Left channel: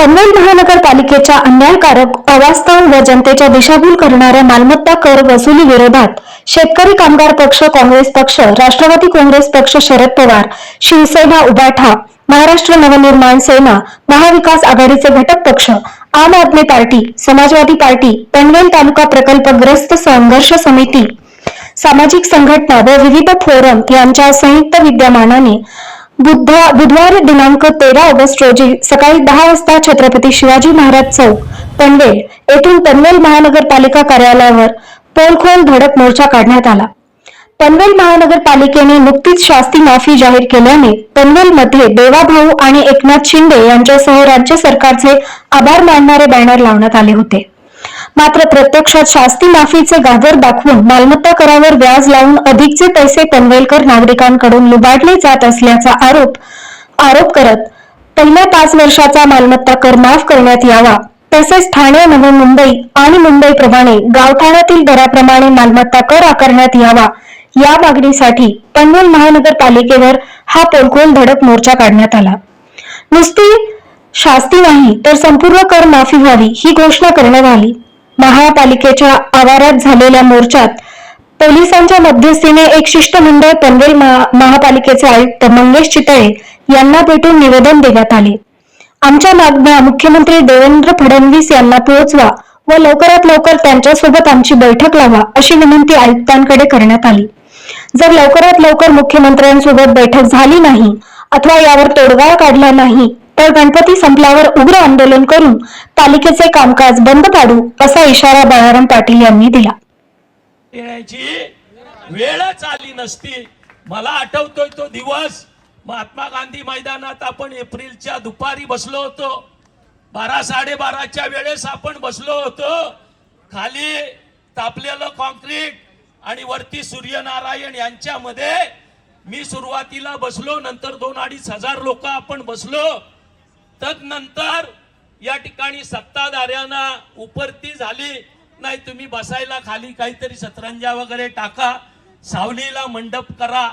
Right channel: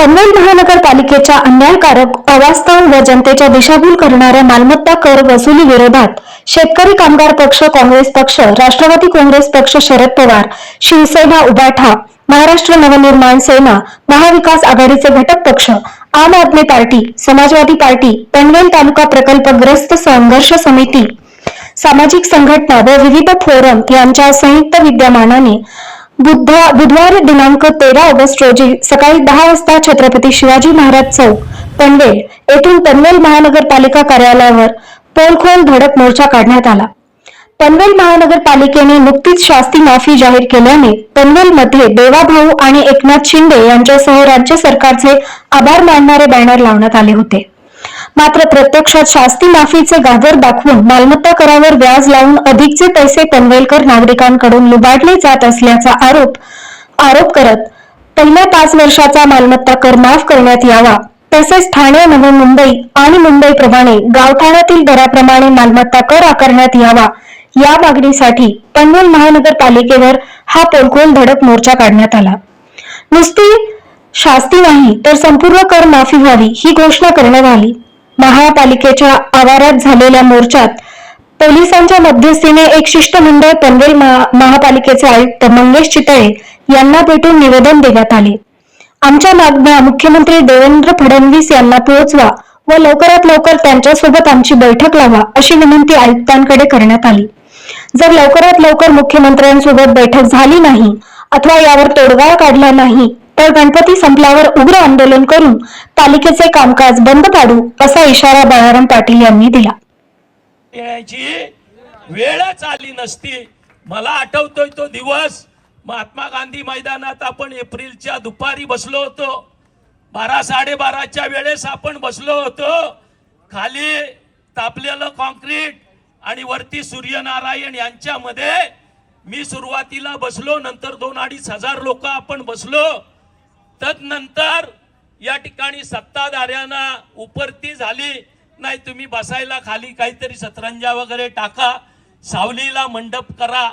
पनवेल महानगरपालिकेच्या अन्यायकारक अवास्तव व जनतेच्या दिशाभूल करणाऱ्या मालमत्ता कर वसुली विरोधात शेतकरी कामगार पक्ष काँग्रेस पक्ष राष्ट्रवादी काँग्रेस पक्ष शरद पवार शिवसेना उबाठा महाराष्ट्र नवनिर्माण सेना महाविकास आघाडीचे घटक पक्ष आम आदमी पार्टी समाजवादी पार्टी पनवेल तालुका प्रकल्पग्रस्त संघर्ष समिती सामाजिक संघटना व विविध फोरम यांच्या संयुक्त विद्यमानाने बुधवार दिनांक तेरा ऑगस्ट रोजी सकाळी दहा वाजता छत्रपती शिवाजी महाराज चौक पनवेल येथून पनवेल महानगरपालिका कार्यालयावर पोलखोल धडक मोर्चा काढण्यात आला. पनवेल महानगरपालिकेने नुकतीच शास्ती माफी जाहीर केल्याने पनवेलमध्ये देवाभाऊ आणि एकनाथ शिंदे यांच्यासह राज्य सरकारचे आभार मानणारे बॅनर लावण्यात आले होते. मात्र प्रत्यक्षात शास्ती माफीचे गाजर दाखवून मालमत्ता करावर व्याज लावून अधिकचे पैसे पनवेलकर नागरिकांकडून लुबाडले जात असल्याचा आरोप आरोप करत पहिल्या पाच वर्षाचा मालमत्ता कर माफ करण्यात यावा. तसेच ठाणे नवी मुंबई आणि मुंबईप्रमाणे गावठाणातील दराप्रमाणे मालमत्ता कर आकारण्यात यावा. या मागणीसाठी पनवेल महानगरपालिकेवर हा पोलखोल धडक मोर्चा काढण्यात आला. नुसती शास्ती नाही तर संपूर्ण कर माफी व्हावी ही घोषणा करण्यात आली. महापालिकेच्या आवारात झालेल्या मोर्चात पोलिसांच्या मध्यस्थीने एक शिष्टमंडळ पनवेल महा- महापालिकेचे आयुक्त मंगेश चितळे यांना भेटून निवेदन देण्यात आले. आमच्या मागण्या मुख्यमंत्री देवेंद्र फडणवीस यांना पोहोचवा व लवकरात लवकर त्यांच्यासोबत आमची बैठक लावा अशी विनंती आयुक्तांकडे करण्यात आली. जर लवकरात लवकर मुख्यमंत्र्यांसोबत बैठक झाली नाही अथवा यावर तोडगा काढला नाही तर गणपती संपल्यावर उग्र आंदोलन करून पालिकेचे कामकाज बंद पाडू असा इशारा बाळाराम पाटील यांनी दिला. वेळच आली नसती. मला आठवतोय तो दिवस. महात्मा गांधी मैदानात आपण एप्रिलच्या दुपारी बसलो होतो. बारा साडेबाराच्या वेळेस आपण बसलो होतो. खाली तापलेलं कॉन्क्रीट आणि वरती सूर्यनारायण यांच्यामध्ये मी सुरुवातीला बसलो नंतर दोन अडीच हजार लोक आपण बसलो. तदनंतर या ठिकाणी सत्ताधाऱ्यांना उपरती झाली. नाही तुम्ही बसायला खाली काहीतरी सतरंजा वगैरे टाका. सावलीला मंडप करा.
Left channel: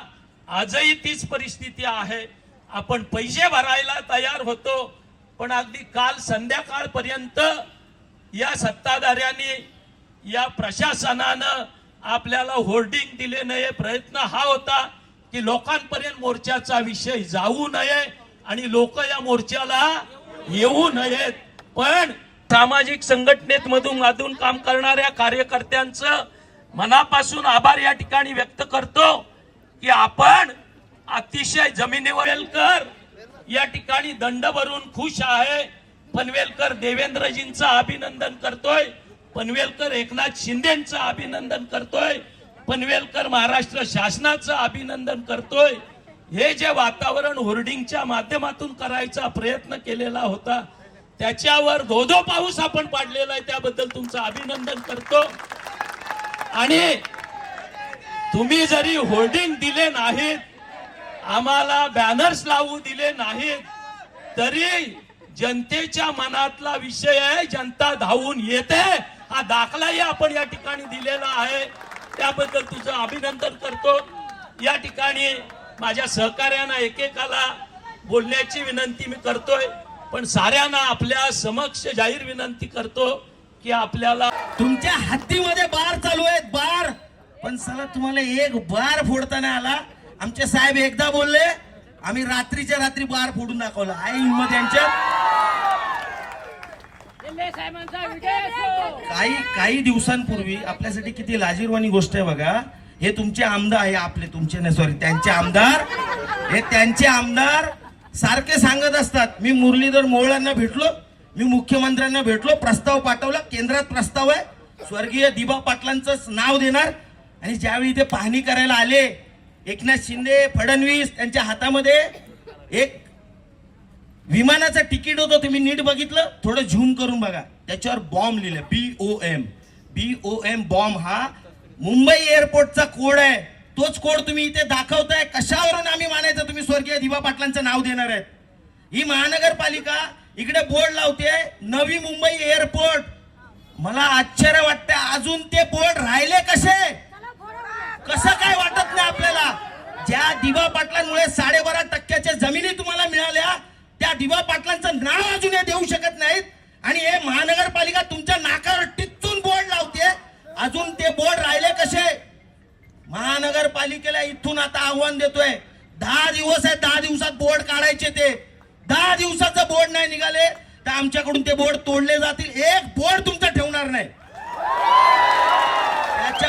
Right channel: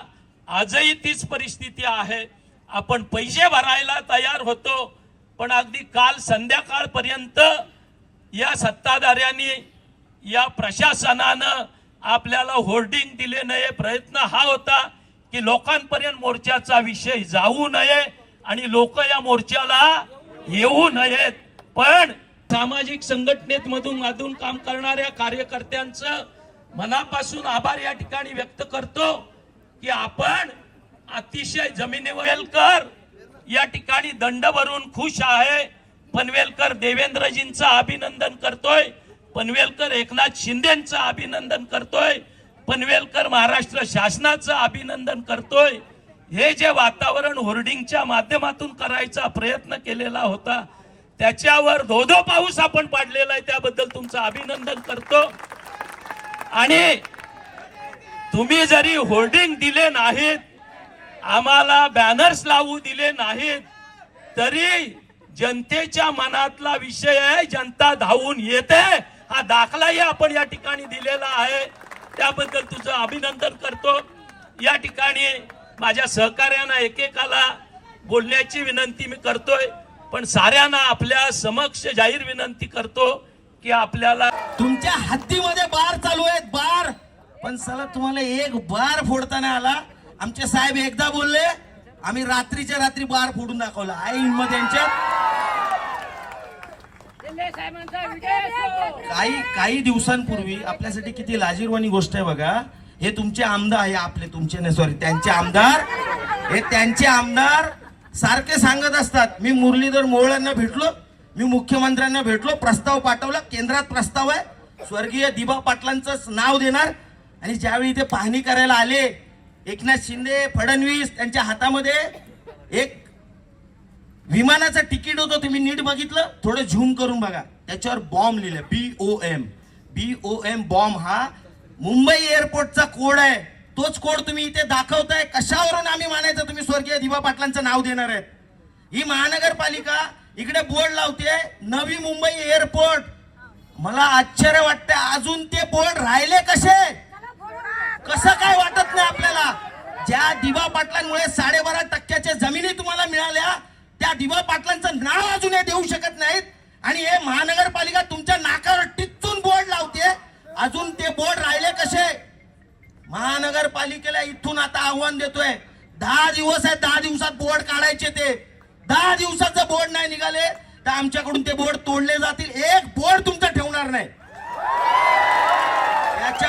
आजही तीच परिस्थिती आहे. आपण पैसे भरायला तयार होतो. पण अगदी काल संध्याकाळपर्यंत या सत्ताधाऱ्यांनी या प्रशासनानं आपल्याला होर्डिंग दिले नये प्रयत्न हा होता की लोकांपर्यंत मोर्चाचा विषय जाऊ नये. आणि लोक या मोर्चाला येऊ नयेत. पण सामाजिक संघटनेत मधून मधून काम करणाऱ्या कार्यकर्त्यांचं मनापासून आभार या ठिकाणी व्यक्त करतो की आपण अतिशय जमिनीवर कर या ठिकाणी दंड भरून खुश आहे. पनवेलकर देवेंद्रजींचं अभिनंदन करतोय. पनवेलकर एकनाथ शिंदेचं अभिनंदन करतोय. पनवेलकर महाराष्ट्र शासनाचं अभिनंदन करतोय. हे जे वातावरण होर्डिंगच्या माध्यमातून करायचा प्रयत्न केलेला होता त्याच्यावर धोधो पाऊस आपण पाडलेला आहे त्याबद्दल तुमचं अभिनंदन करतो. आणि तुम्ही जरी होर्डिंग दिले नाहीत आम्हाला बॅनर्स लावू दिले नाहीत तरी जनतेच्या मनातला विषय आहे जनता धावून येते. हा दाखलाही आपण या ठिकाणी दिलेला आहे. त्याबद्दल तुझं अभिनंदन करतो. या ठिकाणी माझ्या सहकार्यांना एकेकाला बोलण्याची विनंती मी करतोय पण साऱ्यांना आपल्या समक्ष जाहीर विनंती करतो की आपल्याला तुमच्या हत्तीमध्ये बार चालू आहेत बार. पण सर तुम्हाला एक बार फोडताना आला. आमचे साहेब एकदा बोलले आम्ही रात्रीच्या रात्री बार फोडून दाखवला. आई हिंमत यांच्या. काही काही दिवसांपूर्वी आपल्यासाठी किती लाजीरवाणी गोष्ट आहे बघा. हे तुमचे आमदार आहे आपले तुमचे नाही सॉरी त्यांचे आमदार. हे त्यांचे आमदार सारखे सांगत असतात. मी मुरलीधर मोहळ्यांना भेटलो मी मुख्यमंत्र्यांना भेटलो प्रस्ताव पाठवला केंद्रात प्रस्ताव आहे. स्वर्गीय दिबा पाटलांचं नाव देणार. आणि ज्यावेळी ते पाहणी करायला आले एकनाथ शिंदे फडणवीस त्यांच्या हातामध्ये एक विमानाचं तिकीट होतं तुम्ही नीट बघितलं. थोडं झूम करून बघा. त्याच्यावर बॉम्ब लिहिलं B O M B O M bomb हा मुंबई एअरपोर्टचा कोड आहे. तोच कोड तुम्ही इथे दाखवताय. कशावरून आम्ही मानायचं तुम्ही स्वर्गीय दिवा पाटलांचं नाव देणार आहेत? ही महानगरपालिका इकडे बोर्ड लावते नवी मुंबई एअरपोर्ट. मला आश्चर्य वाटतंय अजून ते बोर्ड राहिले कसे? कसं काय वाटत नाही आपल्याला? ज्या दिवा पाटलांमुळे साडेबारा टक्क्याच्या जमिनी तुम्हाला मिळाल्या त्या दिवा पाटलांचं नाव अजूनही देऊ शकत नाहीत. आव्हान देतोय. दहा दिवस आहे दहा दिवसात बोर्ड काढायचे ते. दहा दिवसाचं बोर्ड नाही निघाले तर आमच्याकडून ते बोर्ड तोडले जातील. एक बोर्ड तुमचं ठेवणार नाही.